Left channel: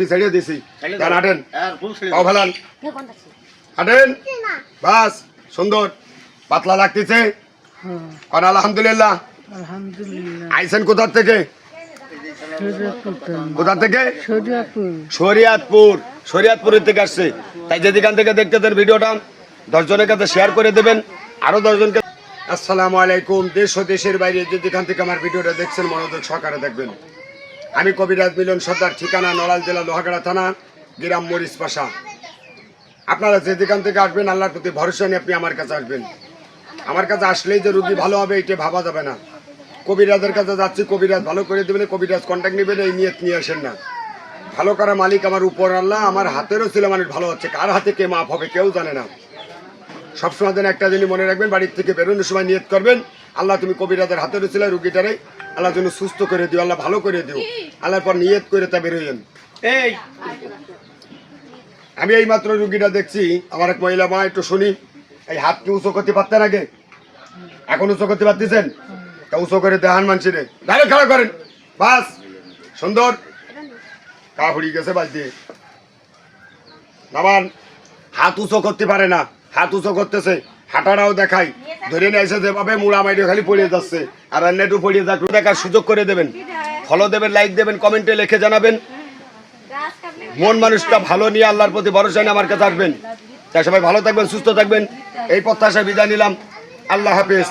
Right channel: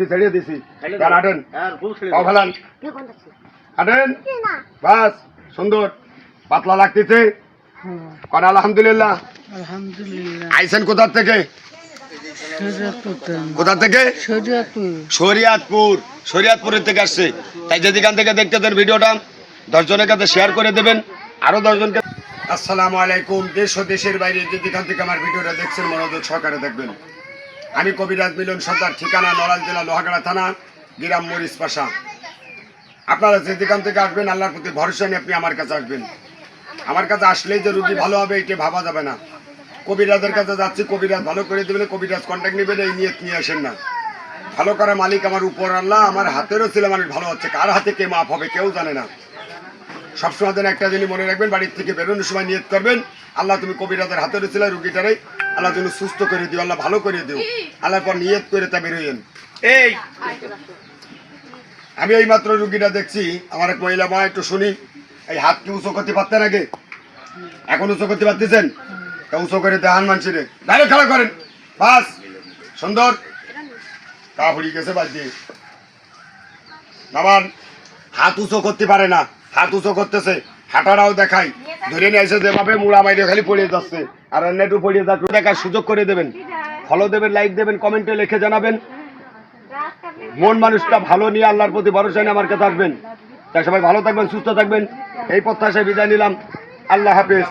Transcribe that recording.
কি ছেড়ে দিছি গান হাঁটেন পাও ফেলান হাঁটেন বাস সুন্দর পাতলা লাগতেছে কারণ আলহামদুলিল্লাহ আইসেন কোথার থেকে কোথা থেকে শরিয়াতপুরের থেকে আসছে তাই যেদিকান থেকে দেখতে দেন ভিডিওটা 10 জনের কাছে শেয়ার করে দেবেন আরো 10 জনকে। আসসালামু আলাইকুম। দেশ ও দেশের বাইরে যেদিকান থেকে আমার ভিডিওটা দেখছেন মনোযোগ সহকারে দেখবেন। আমি কবিরাজ মিলন সর্দার, ঠিকানা নড়াইল জেলা লোহাগাড়া থানা, গ্রাম মরিচ পাশা। আপনারা যেদিকান থেকে আসবেন আল্লাহর প্রতি ভরসা নিয়ে আপনি আমার কাছে আসবেন। আমার কাছে আসলেই যে রুগী ভালো হবে এটা ভাবা যাবে না। কবিরাজের কাছে যাচ্ছি, কবিরাজ ভালো করে দেবেন, কবিরাজ কন্ট্যাক্ট নেবেন, এই নিয়ে নিয়ে আসেন না। ভালো করা মালিক আমার উপর আল্লাহ, আমার হাতেরও ছিল মানুষ ভালো হচ্ছে, কার হাতে কে মাপ হবে কেউ জানে না। সবসময় যেন একটা জিনিস মনে রাখবেন, বাড়ির থেকে বেরোনোর সময় নিয়ত করবেন আল্লাহ তুমি কবিরাজের হাতেরও ছিল রুগীটারে আল্লাহ যেন সুস্থ করে দিও, আল্লাহ ভালো করে দিও, আল্লাহর পর নিয়ত করে তা বেরোয়েন। এই আমি এই মাত্র রুগীটা দেখছি, আমার এক মহিলা মা, একটু শুনি। এই হাত কি উঁচু করতে পারতেন আগে, এখন উঁচু করতে পারতেছেন? তা উঁচু করে দেখান মানুষের, ডাইরেক্ট খেলা করেন বাস সুন্দর। তা হড়ি গেছে বাদ দিয়ে নামান। হাত উঁচু করতে পারে না, হাত উঁচু করতেছে, হাঁটাটাও দেখাই, ধরে নিয়েছে যেভাবে মুড়া মাইরে খালি পড়িয়ে যাচ্ছে। আর নেটু পড়িয়ে যাক, দেখার সুযোগ করে দেবেন, ফলো দেবেন, লাইক দেবেন, কমেন্টে লিখে জানাবেন। মন মানুষটা ভালো নিয়ে আল্লাহর প্রতি ভরসা নিয়ে আমার কাছে আসবেন। তাই সবাই ভালো থাকবেন, সুস্থ থাকবেন, এই প্রত্যাশায় বিদায় নিলাম। আল্লাহ হাফেজ।